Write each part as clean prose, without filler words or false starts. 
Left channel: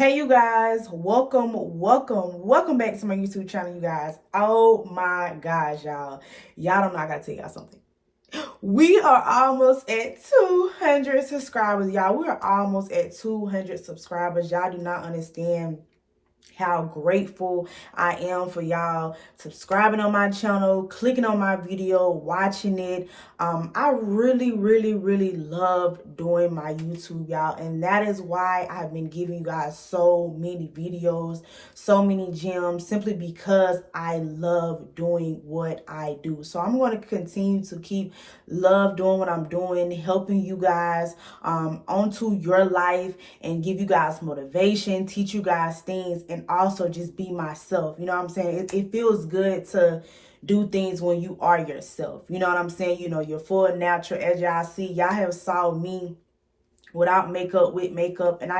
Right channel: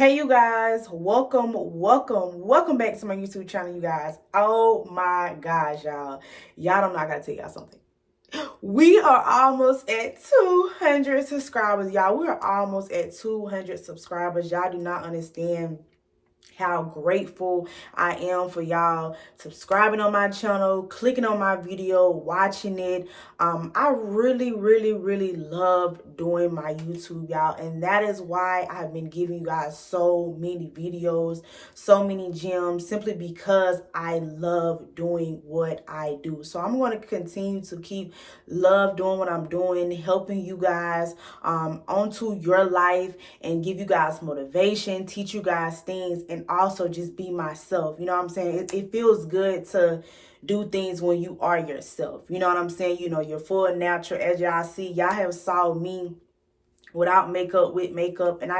Hey you guys, welcome back to my YouTube channel, you guys. Oh my gosh, y'all don't know, I gotta tell y'all something. We are almost at 200 subscribers, y'all. We are almost at 200 subscribers. Y'all do not understand how grateful I am for y'all subscribing on my channel, clicking on my video, watching it. I really love doing my YouTube, y'all, and that is why I've been giving you guys so many videos, so many gems, simply because I love doing what I do. So I'm going to continue to keep love doing what I'm doing, helping you guys onto your life and give you guys motivation, teach you guys things, and also just be myself. You know what I'm saying? It feels good to do things when you are yourself. You know what I'm saying? You know, you're full natural. As y'all see, y'all have saw me without makeup, with makeup, and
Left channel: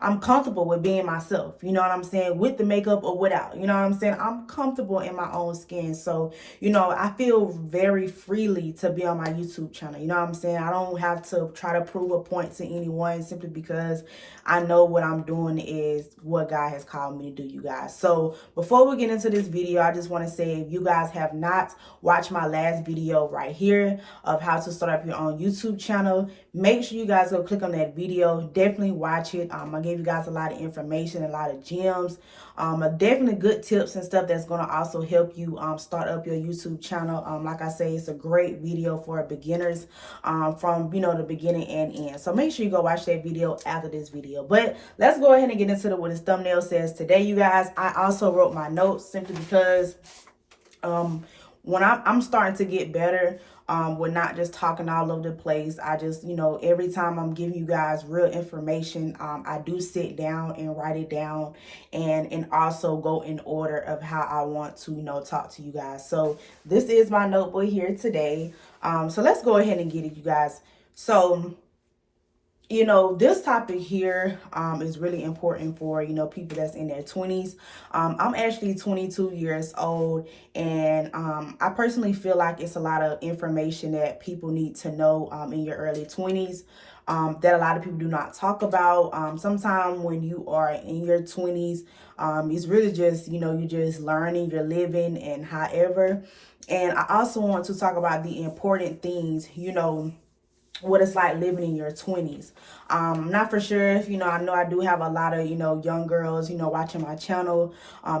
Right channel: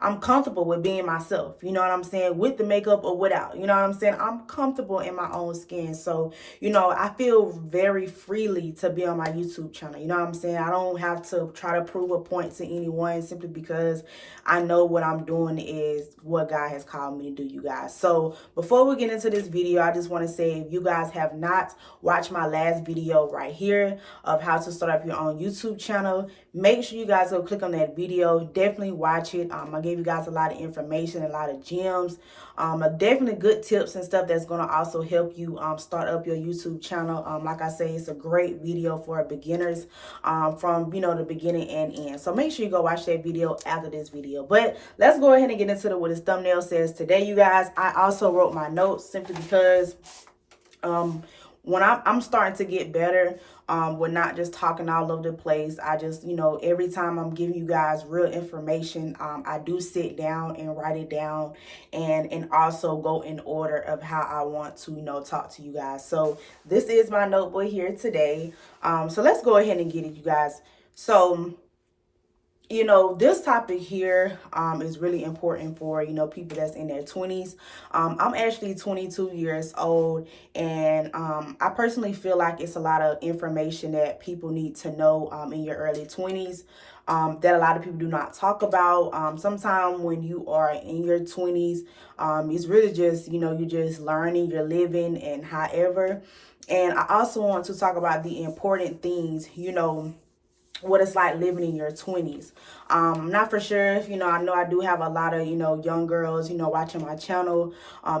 I'm comfortable with being myself. You know what I'm saying? With the makeup or without. You know what I'm saying? I'm comfortable in my own skin. So, you know, I feel very freely to be on my YouTube channel. You know what I'm saying? I don't have to try to prove a point to anyone, simply because I know what I'm doing is what God has called me to do, you guys. So before we get into this video, I just want to say, if you guys have not watched my last video right here of how to start up your own YouTube channel, make sure you guys go click on that video. Definitely watch it. I gave you guys a lot of information, a lot of gems, definitely good tips and stuff that's going to also help you start up your YouTube channel. Like I say, it's a great video for beginners from, you know, the beginning and end. So make sure you go watch that video after this video. But let's go ahead and get into what this thumbnail says today, you guys. I also wrote my notes simply because when I'm starting to get better, we're not just talking all over the place. I just, you know, every time I'm giving you guys real information, I do sit down and write it down, and also go in order of how I want to, you know, talk to you guys. So this is my notebook here today. So let's go ahead and get it, you guys. So, you know, this topic here is really important for, you know, people that's in their 20s. I'm actually 22 years old, and I personally feel like it's a lot of information that people need to know in your early 20s that a lot of people do not talk about. Sometimes when you are in your 20s, it's really just, you know, you're just learning, you're living, and however. And I also want to talk about the important things, you know, what it's like living in your 20s. I'm not for sure if, you know I do have a lot of, you know, young girls, you know, watching my channel,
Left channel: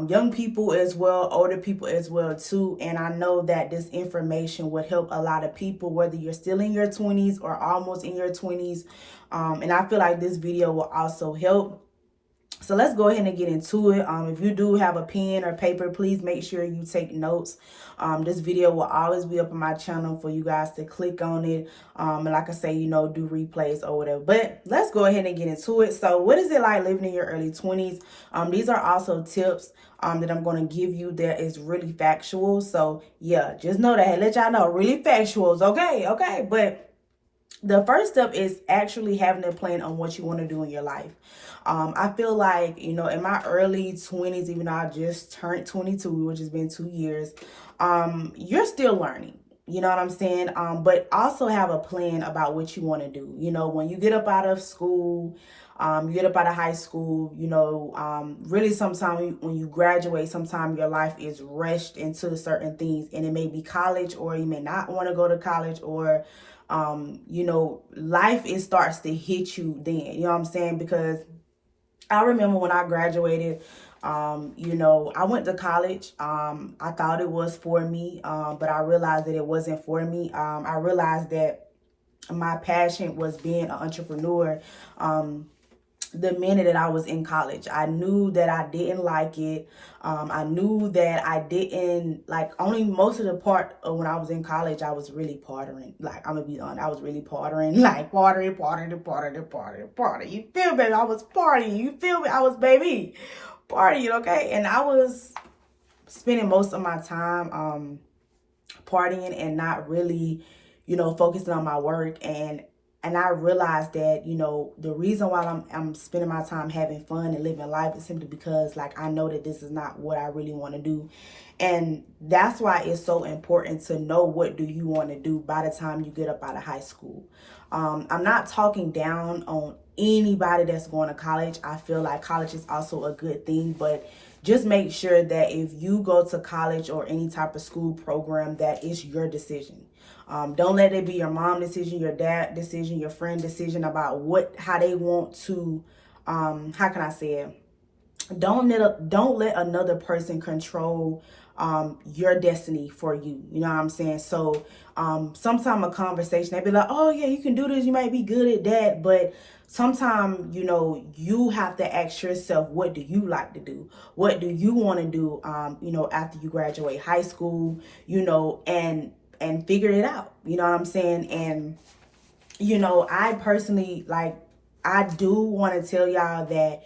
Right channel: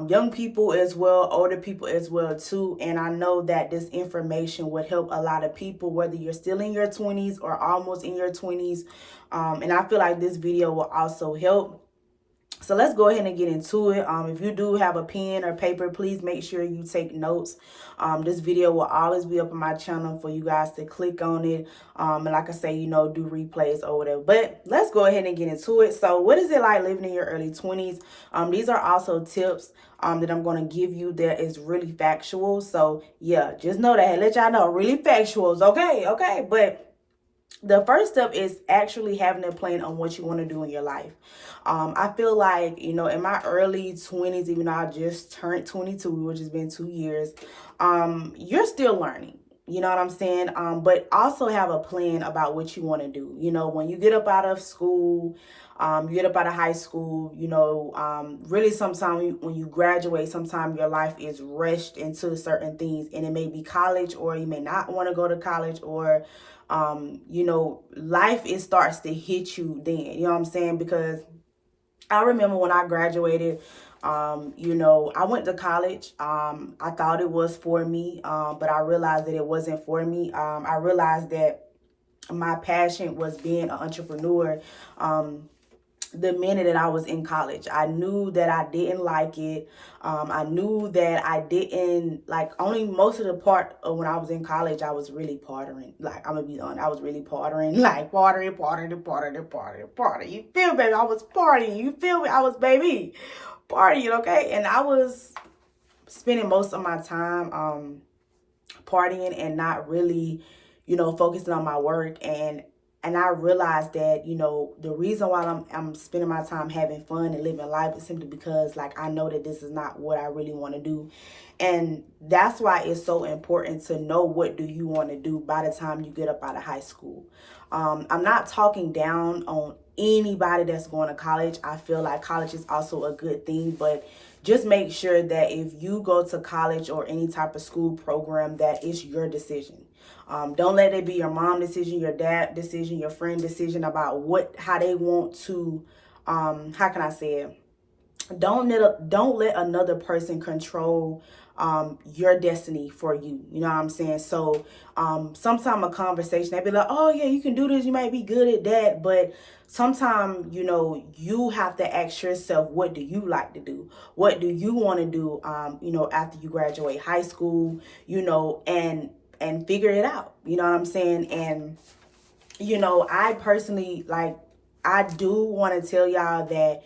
young people as well, older people as well too. And I know that this information would help a lot of people, whether you're still in your 20s or almost in your 20s. And I feel like this video will also help. So let's go ahead and get into it. If you do have a pen or paper, please make sure you take notes. This video will always be up on my channel for you guys to click on it. And like I say, you know, do replays or whatever. But let's go ahead and get into it. So what is it like living in your early 20s? These are also tips that I'm going to give you that is really factual. So yeah, just know that. Let y'all know, really factuals. Okay. But the first step is actually having a plan on what you want to do in your life. I feel like, you know, in my early 20s, even though I just turned 22, which has been 2 years, you're still learning. You know what I'm saying? But also have a plan about what you want to do. You know, when you get up out of school, you get up out of high school, you know, really sometimes when you graduate, sometimes your life is rushed into certain things, and it may be college, or you may not want to go to college, or you know, life, it starts to hit you then, you know what I'm saying? Because I remember when I graduated, you know, I went to college. I thought it was for me, but I realized that it wasn't for me. I realized that my passion was being an entrepreneur. The minute that I was in college, I knew that I didn't like it. I knew that I didn't like, only most of the part of when I was in college, I was really partying. Like, I'm gonna be honest, I was really partying, like partying. You feel me, baby? I was partying. You feel me? I was, baby, partying, okay? And I was spending most of my time partying and not really, you know, focusing on my work. And And I realized that, you know, the reason why I'm spending my time having fun and living life is simply because, like, I know that this is not what I really want to do. And that's why it's so important to know what do you want to do by the time you get up out of high school. I'm not talking down on anybody that's going to college. I feel like college is also a good thing, but just make sure that if you go to college or any type of school program, that it's your decision. Don't let it be your mom decision, your dad decision, your friend decision about how they want to, how can I say it? Don't let another person control your destiny for you. You know what I'm saying? So sometime a conversation, they'd be like, oh yeah, you can do this, you might be good at that, but sometimes, you know, you have to ask yourself, what do you like to do? What do you want to do, you know, after you graduate high school, you know, and figure it out. You know what I'm saying? And, you know, I personally, like, I do want to tell y'all that,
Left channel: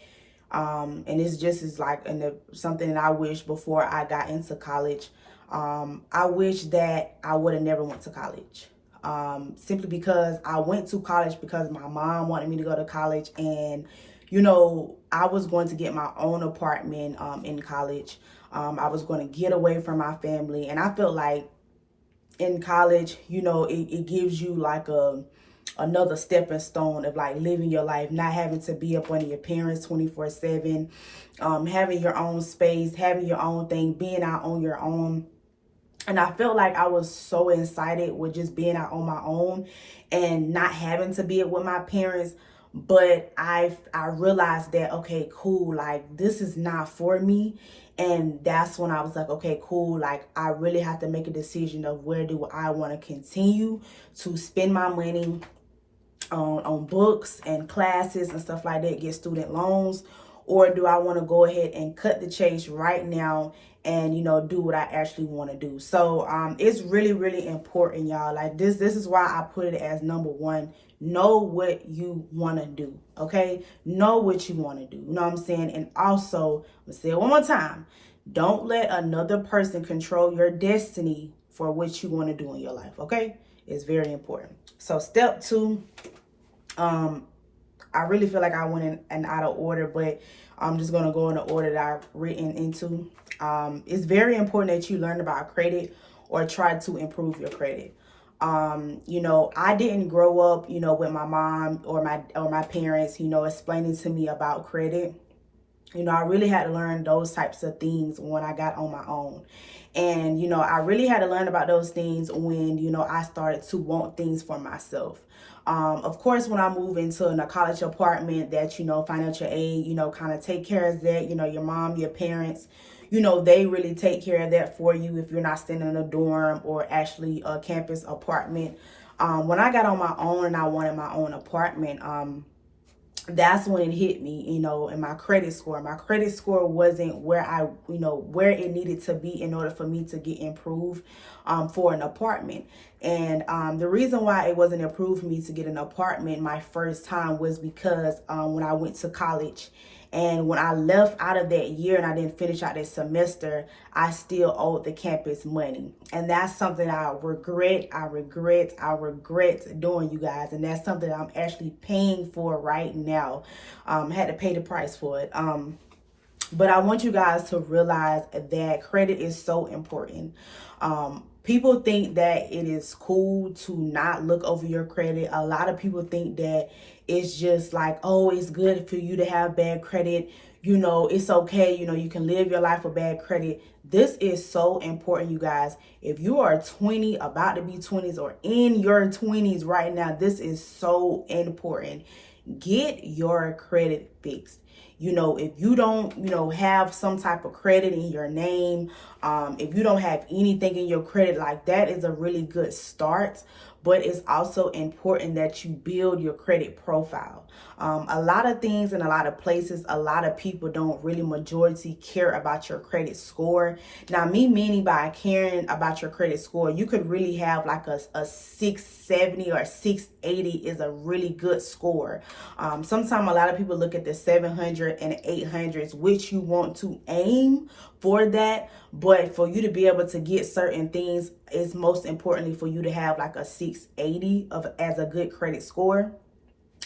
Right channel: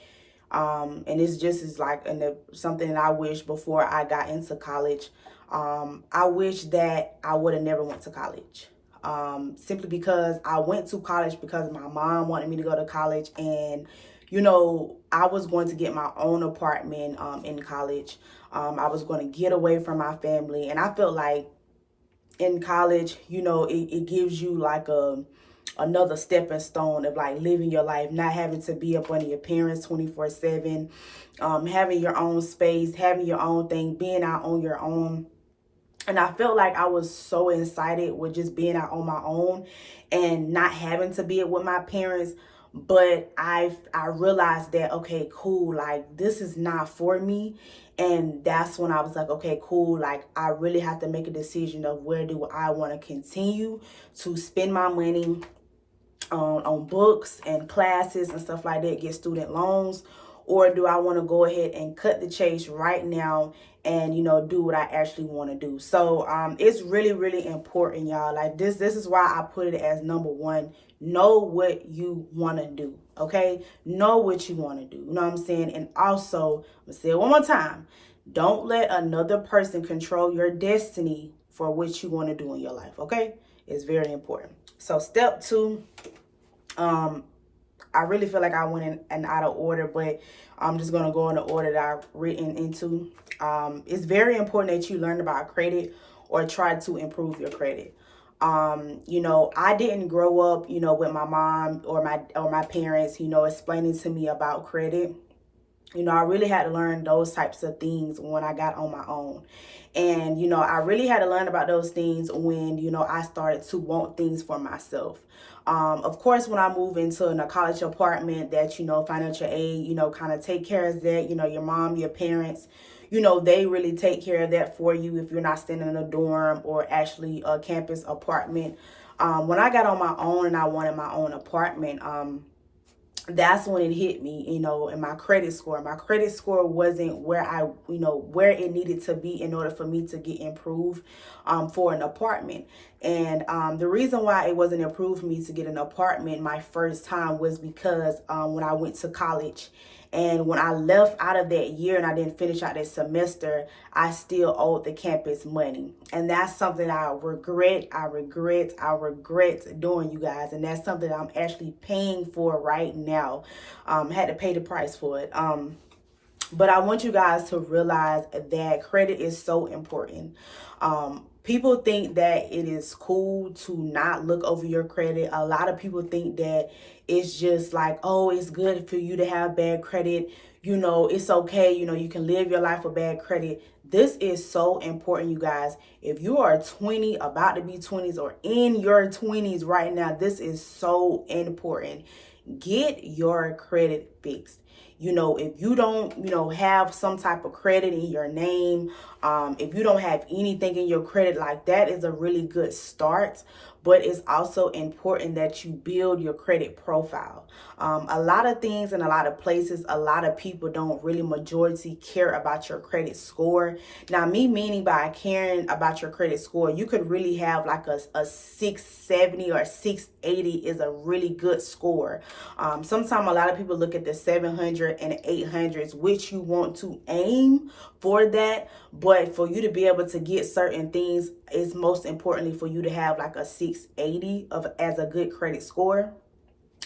and it's just is like something that I wish before I got into college. I wish that I would have never went to college. Simply because I went to college because my mom wanted me to go to college, and you know, I was going to get my own apartment in college. I was going to get away from my family, and I felt like in college, you know, it gives you like another stepping stone of like living your life, not having to be up under your parents 24/7, having your own space, having your own thing, being out on your own. And I felt like I was so excited with just being out on my own and not having to be it with my parents. But I realized that, okay, cool, like this is not for me. And that's when I was like, okay, cool, like I really have to make a decision of where do I want to continue to spend my money on books and classes and stuff like that, get student loans, or do I want to go ahead and cut the chase right now and, you know, do what I actually want to do. So it's really, really important, y'all. Like this is why I put it as number one. Know what you want to do, okay? Know what you want to do. You know what I'm saying? And also, I'm going to say it one more time. Don't let another person control your destiny for what you want to do in your life, okay? It's very important. So step 2, I really feel like I went in and out of order, but I'm just going to go in the order that I've written into. It's very important that you learn about credit or try to improve your credit. You know, I didn't grow up, you know, with my mom or my parents, you know, explaining to me about credit. You know, I really had to learn those types of things when I got on my own. And, you know, I really had to learn about those things when, you know, I started to want things for myself. Of course, when I moved into a college apartment that, you know, financial aid, you know, kind of take care of that, you know, your mom, your parents, you know, they really take care of that for you if you're not staying in a dorm or actually a campus apartment. When I got on my own and I wanted my own apartment, that's when it hit me, you know, and my credit score. My credit score wasn't where where it needed to be in order for me to get improved for an apartment. And the reason why it wasn't approved for me to get an apartment my first time was because when I went to college, and when I left out of that year and I didn't finish out that semester, I still owed the campus money. And that's something I regret doing, you guys. And that's something I'm actually paying for right now. Had to pay the price for it. But I want you guys to realize that credit is so important. People think that it is cool to not look over your credit. A lot of people think that it's just like, oh, it's good for you to have bad credit. You know, it's okay. You know, you can live your life with bad credit. This is so important, you guys. If you are 20, about to be 20s, or in your 20s right now, this is so important. Get your credit fixed. You know, if you don't, you know, have some type of credit in your name, if you don't have anything in your credit, like that is a really good start. But it's also important that you build your credit profile. A lot of things in a lot of places, a lot of people don't really majority care about your credit score. Now, me meaning by caring about your credit score, you could really have like a 670 or 680 is a really good score. Sometimes a lot of people look at the 700 and 800s, which you want to aim for that. But for you to be able to get certain things, it's most importantly for you to have like a 680 as a good credit score.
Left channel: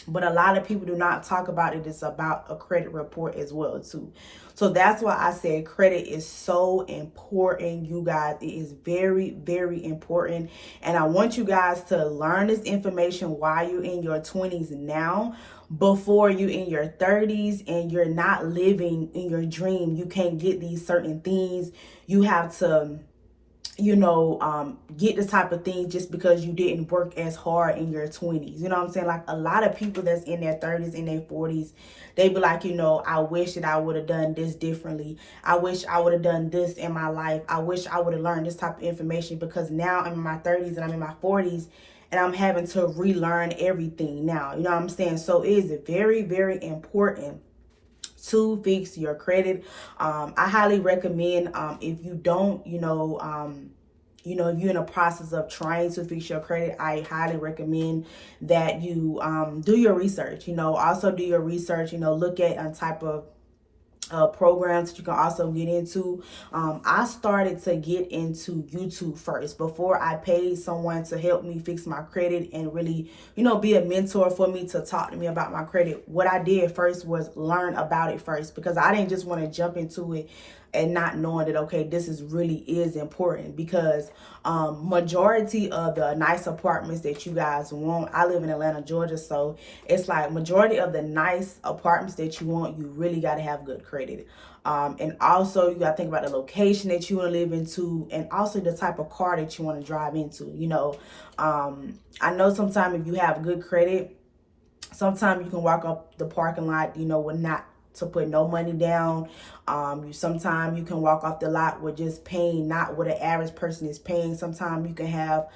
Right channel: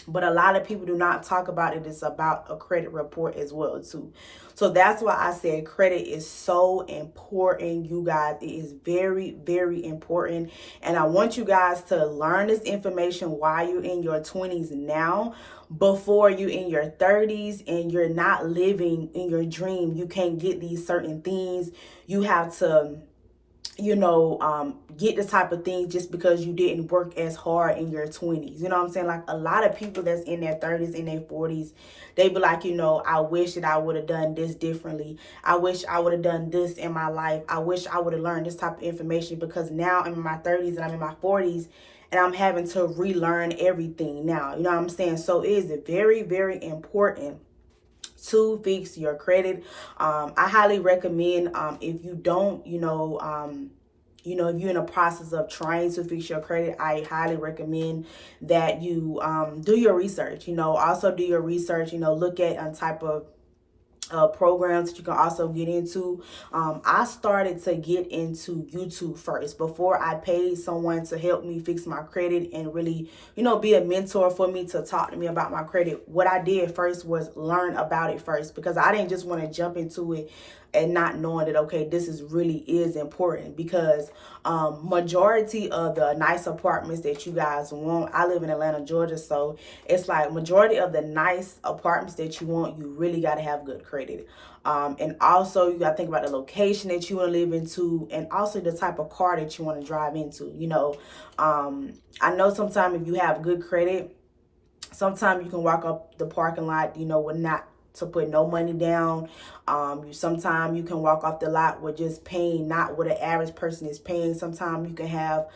But a lot of people do not talk about it. It's about a credit report as well too. So that's why I said credit is so important, you guys. It is very, very important. And I want you guys to learn this information while you're in your 20s now, before you in your 30s and you're not living in your dream. You can't get these certain things. You have to get the type of things just because you didn't work as hard in your 20s. You know what I'm saying? Like a lot of people that's in their 30s and their 40s, they be like, I wish that I would have done this differently. I wish I would have done this in my life. I wish I would have learned this type of information, because now I'm in my 30s and I'm in my 40s and I'm having to relearn everything now. You know what I'm saying? So it is very, very important to fix your credit. I highly recommend, if you don't, if you're in a process of trying to fix your credit, I highly recommend that you do your research. Also do your research. Look at a type of programs that you can also get into. I started to get into YouTube first before I paid someone to help me fix my credit and really, be a mentor for me to talk to me about my credit. What I did first was learn about it first, because I didn't just want to jump into it and not knowing that, okay, this really is important. Because majority of the nice apartments that you guys want, I live in Atlanta, Georgia, so it's like majority of the nice apartments that you want, you really got to have good credit. And also you got to think about the location that you want to live into, and also the type of car that you want to drive into. I know sometimes if you have good credit, sometimes you can walk up the parking lot, with not to put no money down. Sometimes you can walk off the lot with just paying not what an average person is paying. Sometimes you can have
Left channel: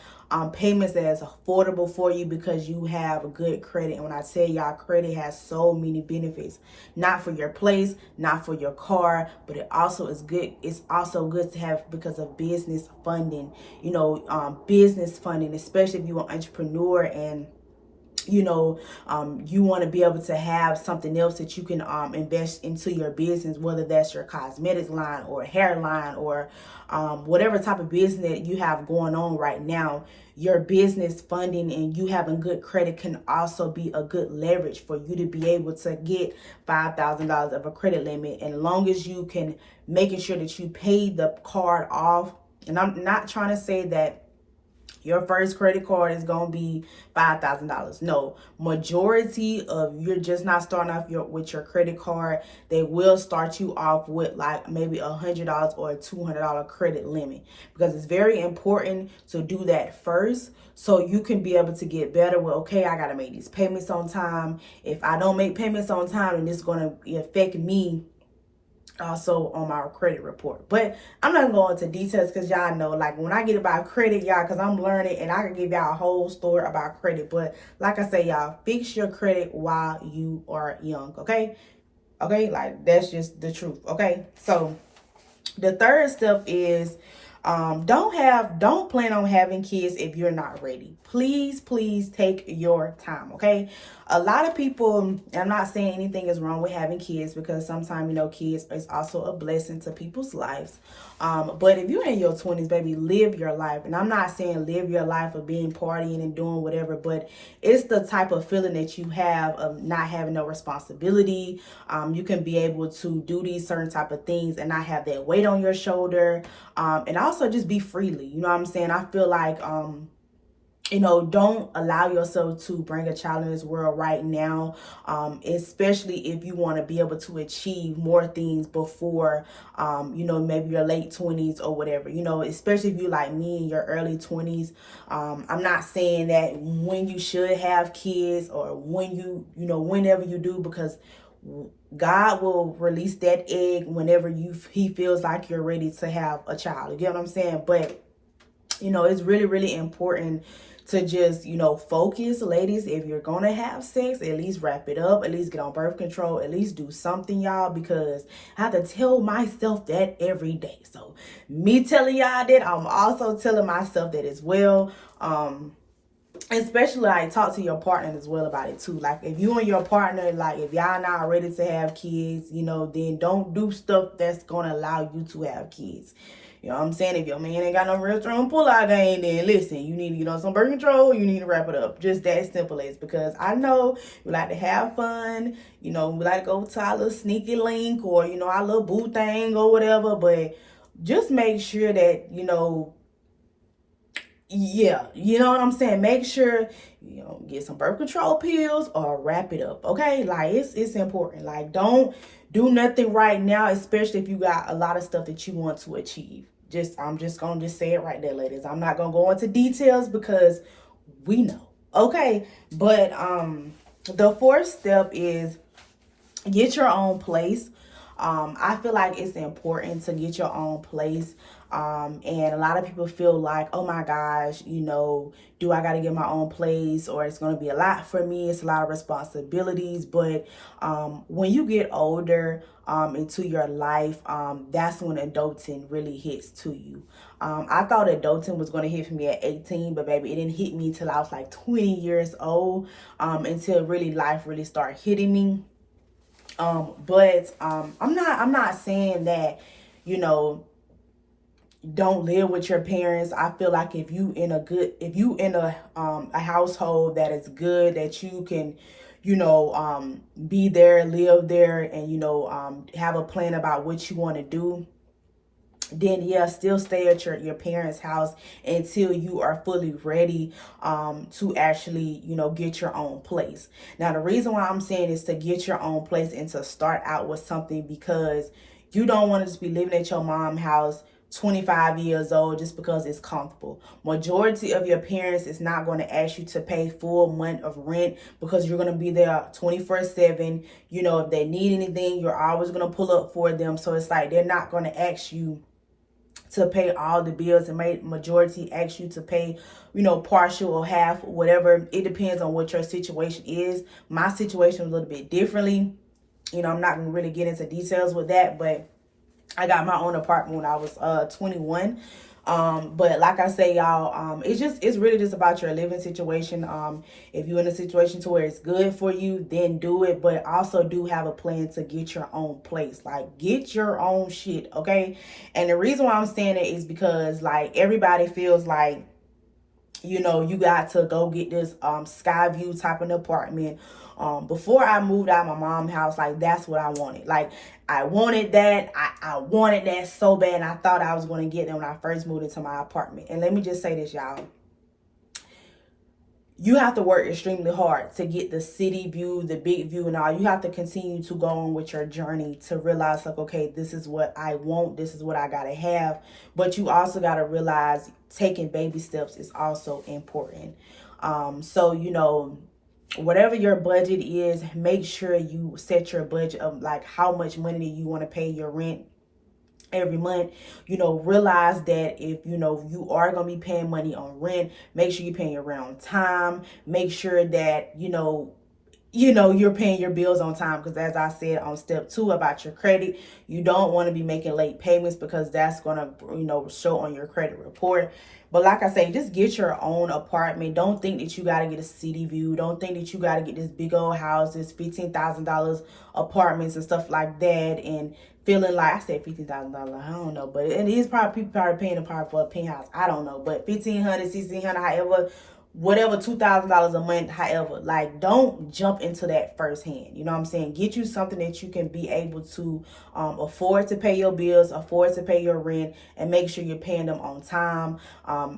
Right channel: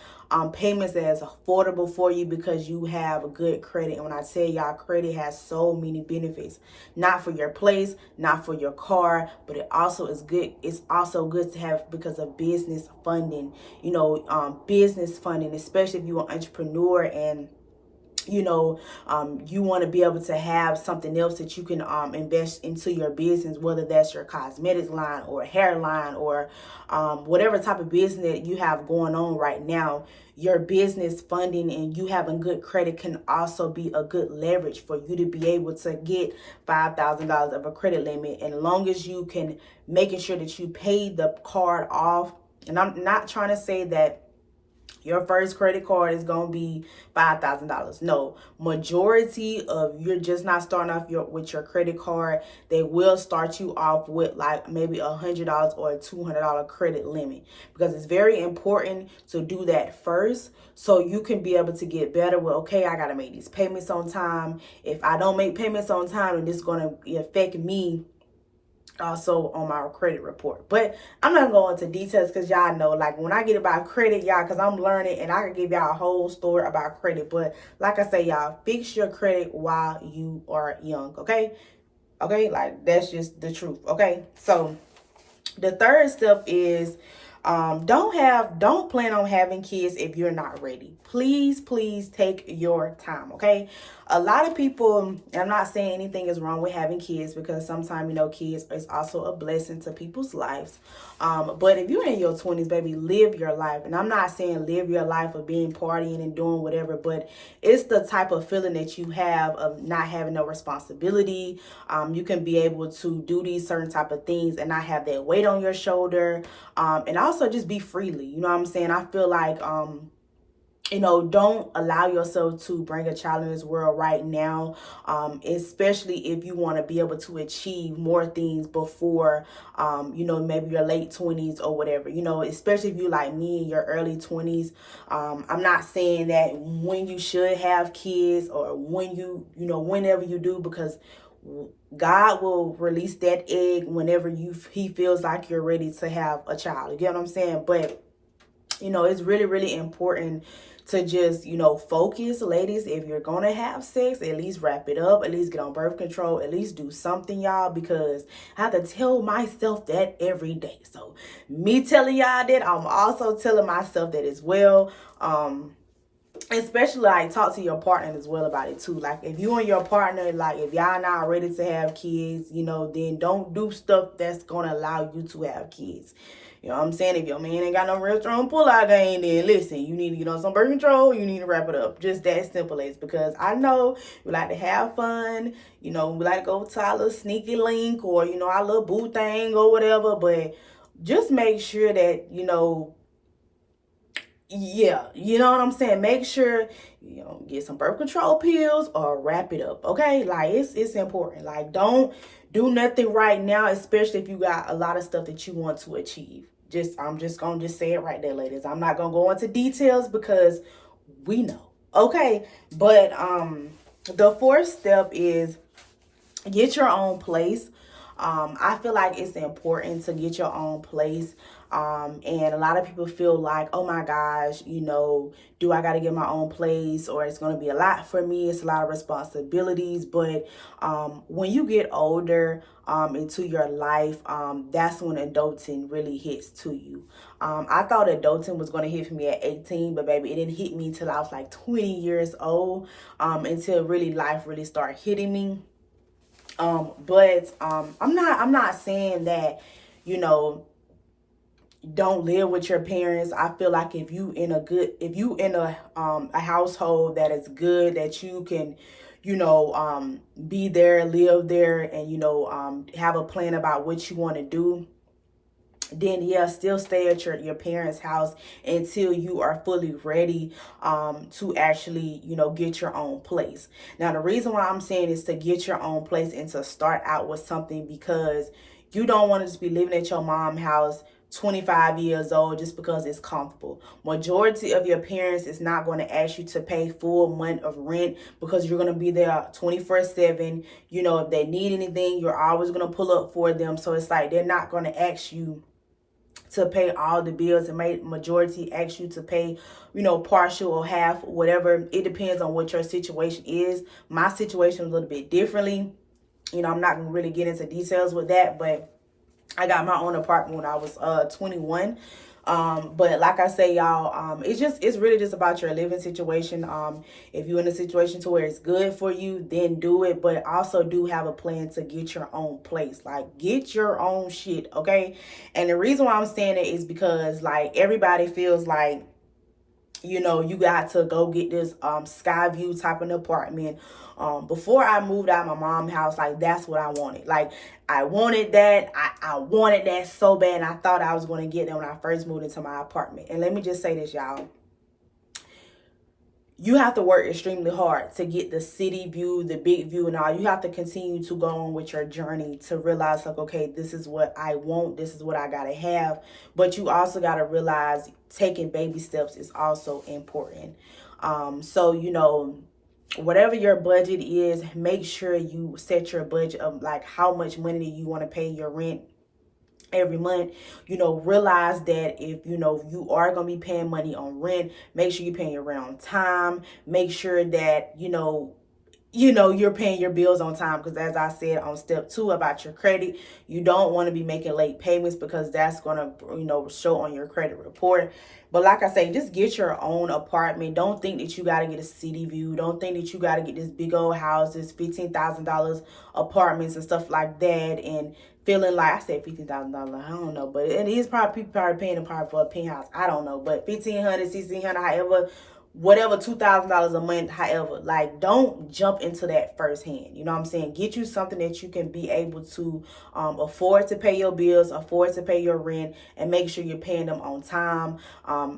payments that is affordable for you because you have a good credit. And when I tell y'all, credit has so many benefits, not for your place, not for your car, but it also is good. It's also good to have because of business funding, business funding, especially if you're an entrepreneur and you want to be able to have something else that you can invest into your business, whether that's your cosmetics line or hair line or whatever type of business that you have going on right now. Your business funding and you having good credit can also be a good leverage for you to be able to get $5,000 of a credit limit. And as long as you can making sure that you pay the card off. And I'm not trying to say that your first credit card is going to be $5,000. No, majority of you're just not starting off with your credit card. They will start you off with like maybe $100 or a $200 credit limit, because it's very important to do that first so you can be able to get better with, okay, I got to make these payments on time. If I don't make payments on time, then this is going to affect me also on my credit report. But I'm not going into details because y'all know, like when I get about credit, y'all, because I'm learning and I can give y'all a whole story about credit. But like I say, y'all, fix your credit while you are young. Okay, like that's just the truth. Okay, so the third step is don't plan on having kids if you're not ready. Please take your time. Okay, a lot of people, I'm not saying anything is wrong with having kids, because sometimes kids is also a blessing to people's lives. But if you're in your 20s, baby, live your life. And I'm not saying live your life of being partying and doing whatever, but it's the type of feeling that you have of not having no responsibility. You can be able to do these certain type of things and not have that weight on your shoulder. And also just be freely. You know what I'm saying? I feel like don't allow yourself to bring a child in this world right now, especially if you want to be able to achieve more things before, maybe your late 20s or whatever, especially if you like me in your early 20s. I'm not saying that when you should have kids or when whenever you do, because God will release that egg whenever he feels like you're ready to have a child. You get what I'm saying? But it's really, really important to just, focus. Ladies, if you're going to have sex, at least wrap it up, at least get on birth control, at least do something, y'all, because I have to tell myself that every day. So me telling y'all that, I'm also telling myself that as well. Especially like talk to your partner as well about it too. Like if you and your partner, like if y'all not ready to have kids, then don't do stuff that's going to allow you to have kids. You know what I'm saying? If your man ain't got no real strong pull-out game, then listen, you need to get on some birth control. You need to wrap it up. Just that simple as, because I know we like to have fun. You know, we like to go to our little sneaky link or, you know, our little boo thing or whatever. But just make sure that, you know, yeah, you know what I'm saying? Make sure, you know, get some birth control pills or wrap it up, okay? Like, it's important. Like, don't do nothing right now, especially if you got a lot of stuff that you want to achieve. I'm just gonna just say it right there, ladies. I'm not gonna go into details because we know, okay? But the fourth step is get your own place. I feel like it's important to get your own place. And a lot of people feel like, oh my gosh, you know, do I got to get my own place, or it's going to be a lot for me. It's a lot of responsibilities. But when you get older into your life, that's when adulting really hits to you. I thought adulting was going to hit me at 18, but baby, it didn't hit me till I was like 20 years old, until really life really started hitting me. But I'm not saying that, you know, don't live with your parents. I feel like if you in a household that is good, that you can, you know, be there, live there, and, you know, have a plan about what you want to do, then yeah, still stay at your parents' house until you are fully ready to actually, you know, get your own place. Now, the reason why I'm saying is to get your own place and to start out with something, because you don't want to just be living at your mom's house 25 years old just because it's comfortable. Majority of your parents is not going to ask you to pay full month of rent because you're going to be there 24/7. You know, if they need anything, you're always going to pull up for them. So it's like they're not going to ask you to pay all the bills, and majority ask you to pay, you know, partial or half, whatever. It depends on what your situation is. My situation is a little bit differently. You know, I'm not gonna really get into details with that, but I got my own apartment when I was 21. But like I say, y'all, it's really just about your living situation. If you're in a situation to where it's good for you, then do it. But also do have a plan to get your own place. Like, get your own shit, okay? And the reason why I'm saying it is because, like, everybody feels like, you know, you got to go get this Skyview type of apartment. Before I moved out of my mom's house, like, that's what I wanted. Like, I wanted that. I wanted that so bad. And I thought I was going to get that when I first moved into my apartment. And let me just say this, y'all. You have to work extremely hard to get the city view, the big view, and all. You have to continue to go on with your journey to realize, like, okay, this is what I want. This is what I got to have. But you also got to realize taking baby steps is also important. So, you know, whatever your budget is, make sure you set your budget of like how much money you want to pay your rent every month. You know, realize that if, you know, you are going to be paying money on rent, make sure you're paying your rent on time. Make sure that, you know, you're paying your bills on time, because as I said on step 2 about your credit, you don't want to be making late payments, because that's going to, you know, show on your credit report. But like I say, just get your own apartment. Don't think that you got to get a city view. Don't think that you got to get this big old houses, $15,000 apartments and stuff like that, and feeling like, I said $15,000, I don't know, but it is probably people probably paying for a penthouse. I don't know, but $1,500, $1,600, however, whatever, $2,000 a month, however, like, don't jump into that firsthand. You know what I'm saying? Get you something that you can be able to afford to pay your bills, afford to pay your rent, and make sure you're paying them on time.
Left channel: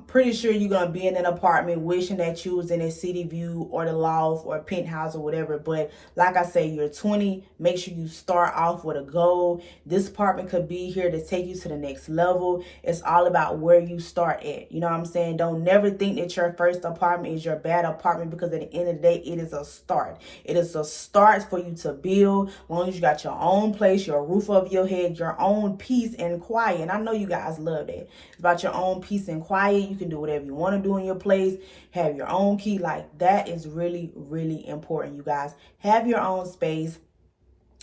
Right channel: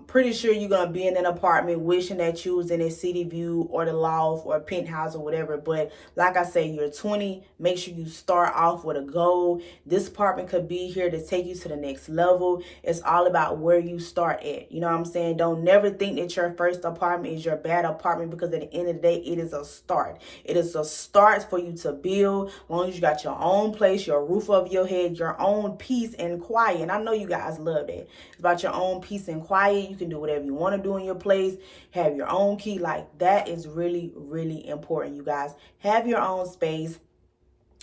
Pretty sure you're going to be in an apartment wishing that you was in a city view or the loft or a penthouse or whatever. But like I say, you're 20. Make sure you start off with a goal. This apartment could be here to take you to the next level. It's all about where you start at. You know what I'm saying? Don't never think that your first apartment is your bad apartment, because at the end of the day, it is a start. It is a start for you to build. As long as you got your own place, your roof over your head, your own peace and quiet. And I know you guys love that. It's about your own peace and quiet. You can do whatever you want to do in your place. Have your own key. Like, that is really, really important, you guys. Have your own space.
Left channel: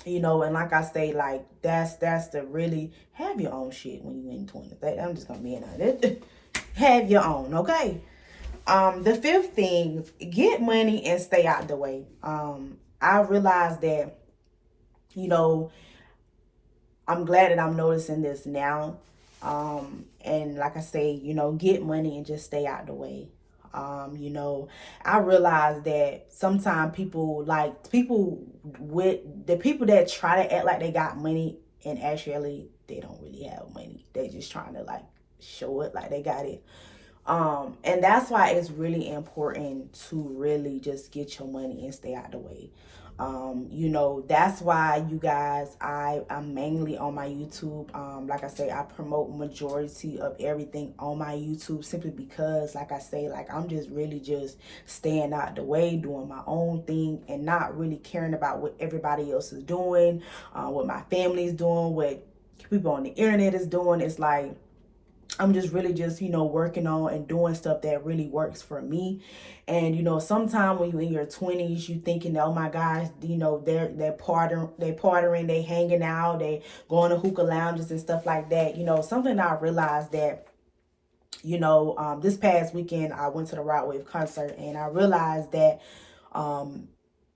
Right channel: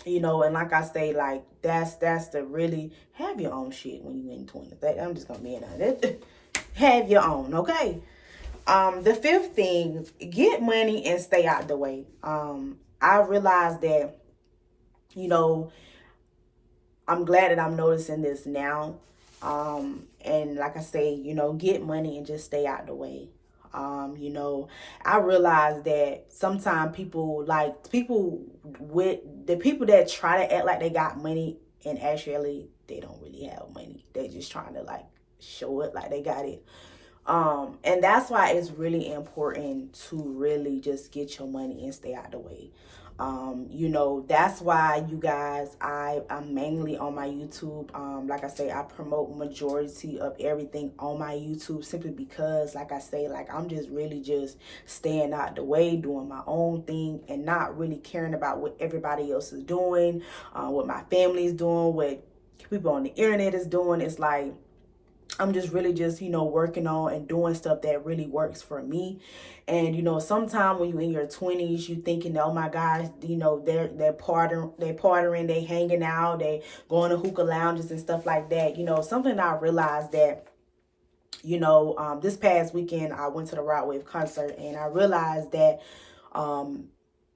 You know, and like I say, like, that's the really, have your own shit when you're in 20. I'm just gonna be in it. Have your own, okay? The fifth thing, get money and stay out the way. I realized that, you know, I'm glad that I'm noticing this now. And like I say, you know, get money and just stay out the way. You know, I realize that sometimes people with the people that try to act like they got money and actually they don't really have money. They just trying to like show it like they got it. And that's why it's really important to really just get your money and stay out the way. You know, that's why you guys, I'm mainly on my YouTube. Like I say, I promote majority of everything on my YouTube simply because, like I say, like I'm just really just staying out the way, doing my own thing and not really caring about what everybody else is doing, what my family is doing, what people on the internet is doing. It's like, I'm just really just, you know, working on and doing stuff that really works for me. And, you know, sometimes when you're in your 20s, you thinking, oh my gosh, you know, they're partying, they hanging out, they going to hookah lounges and stuff like that. You know, something I realized that, you know, this past weekend I went to the Rod Wave concert and I realized that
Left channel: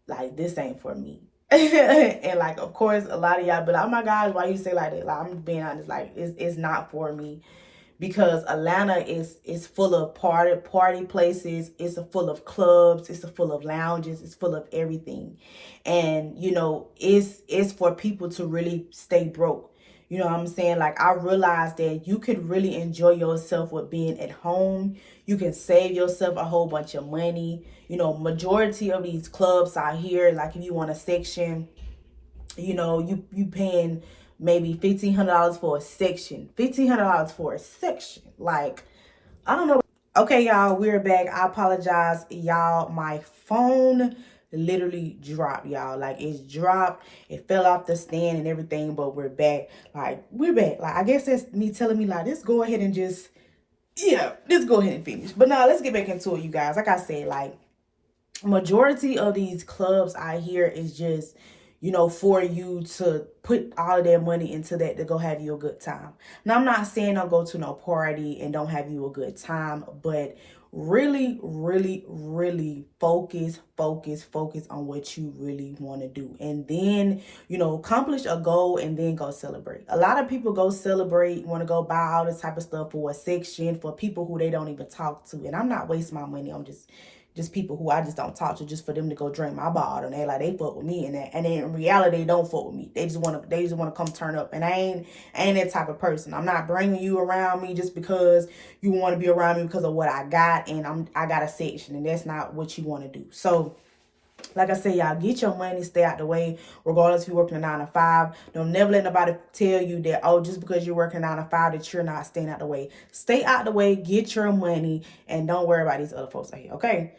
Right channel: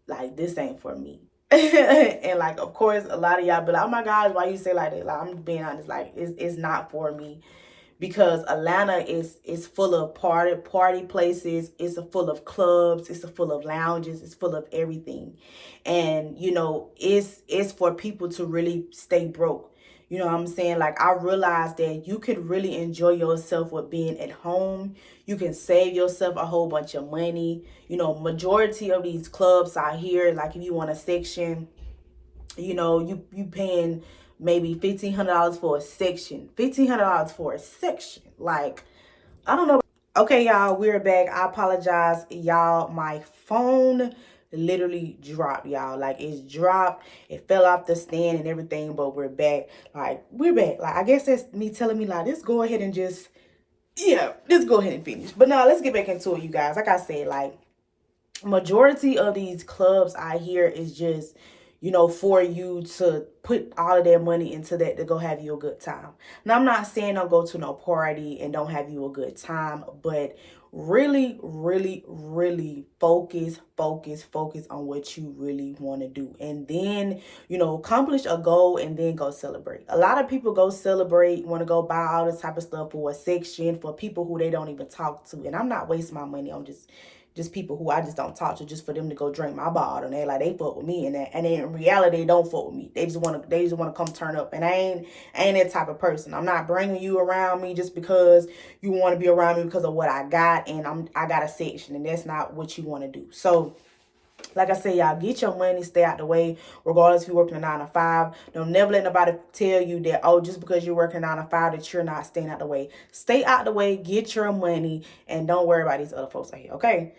like this ain't for me. And like, of course, a lot of y'all be like, oh my gosh, why you say like that? Like, I'm being honest, like it's not for me, because Atlanta is full of party places. It's full of clubs. It's full of lounges. It's full of everything. And, you know, it's for people to really stay broke. You know what I'm saying? Like, I realized that you could really enjoy yourself with being at home. You can save yourself a whole bunch of money. You know, majority of these clubs out here, like if you want a section, you know, you paying maybe $1,500 for a section. $1,500 for a section. Like, I don't know. Okay, y'all, we're back. I apologize, y'all. My phone literally dropped, y'all. Like, it's dropped. It fell off the stand and everything, but we're back. Like, we're back. Like, I guess that's me telling me, like, let's go ahead and just, yeah, let's go ahead and finish. But now, let's get back into it, you guys. Like I said, like, majority of these clubs I hear is just, you know, for you to put all of their money into that to go have you a good time. Now, I'm not saying don't go to no party and don't have you a good time, but really, really, really focus on what you really want to do. And then, you know, accomplish a goal and then go celebrate. A lot of people go celebrate, want to go buy all this type of stuff for a section for people who they don't even talk to. And I'm not wasting my money on just people who I just don't talk to, just for them to go drink my bottle. And they like they fuck with me, and in reality they don't fuck with me. They just wanna come turn up, and I ain't that type of person. I'm not bringing you around me just because you want to be around me because of what I got, and I got a section, and that's not what you want to do. So, like I said, y'all, get your money, stay out the way, regardless if you're working a 9 to 5. Don't never let nobody tell you that, oh, just because you're working 9 to 5, that you're not staying out the way. Stay out the way, get your money, and don't worry about these other folks out here, okay?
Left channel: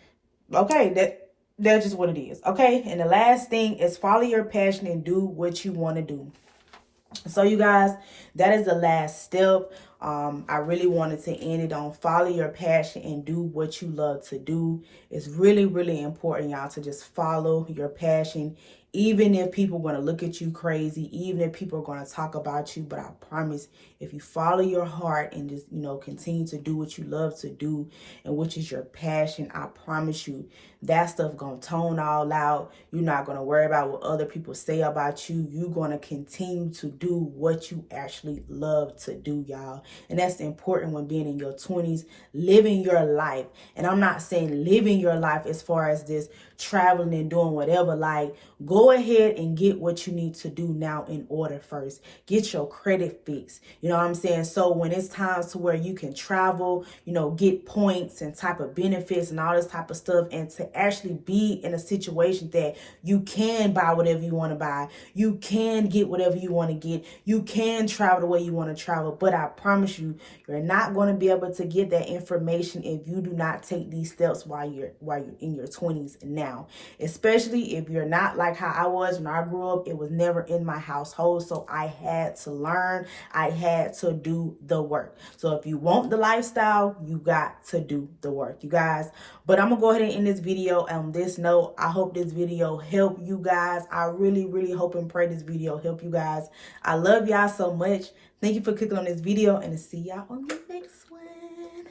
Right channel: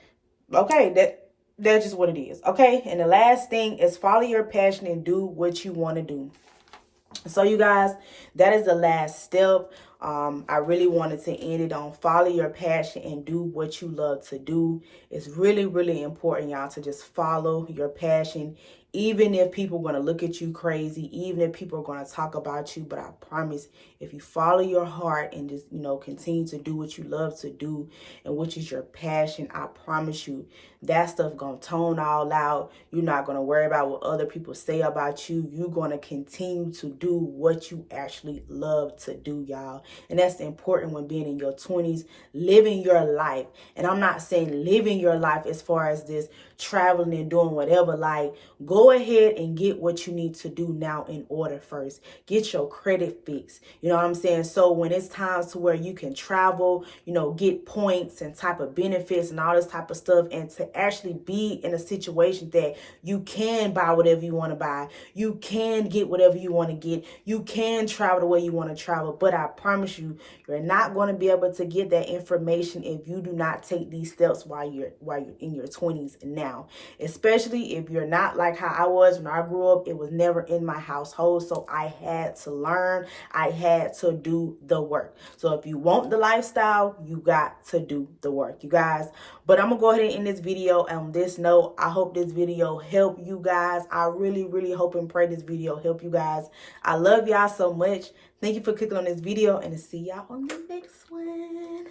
Okay, that's just what it is, okay? And the last thing is follow your passion and do what you want to do. So, you guys, that is the last step. I really wanted to end it on follow your passion and do what you love to do. It's really, really important, y'all, to just follow your passion, even if people are going to look at you crazy, even if people are going to talk about you. But I promise, if you follow your heart and just, you know, continue to do what you love to do and which is your passion, I promise you that stuff going to tone all out. You're not going to worry about what other people say about you. You're going to continue to do what you actually love to do, y'all. And that's important when being in your 20s, living your life. And I'm not saying living your life as far as this traveling and doing whatever. Like, go ahead and get what you need to do now in order first. Get your credit fixed. You know what I'm saying? So when it's times to where you can travel, you know, get points and type of benefits and all this type of stuff, and to actually be in a situation that you can buy whatever you want to buy. You can get whatever you want to get. You can travel the way you want to travel. But I promise you, you're not going to be able to get that information if you do not take these steps while you're in your 20s now. Especially if you're not like how I was when I grew up. It was never in my household, so I had to learn. I had to do the work. So if you want the lifestyle, you got to do the work, you guys. But I'm gonna go ahead and end this video on this note. I hope this video helped you guys. I really, really hope and pray this video help you guys. I love y'all so much. Thank you for clicking on this video, and see y'all on the next one.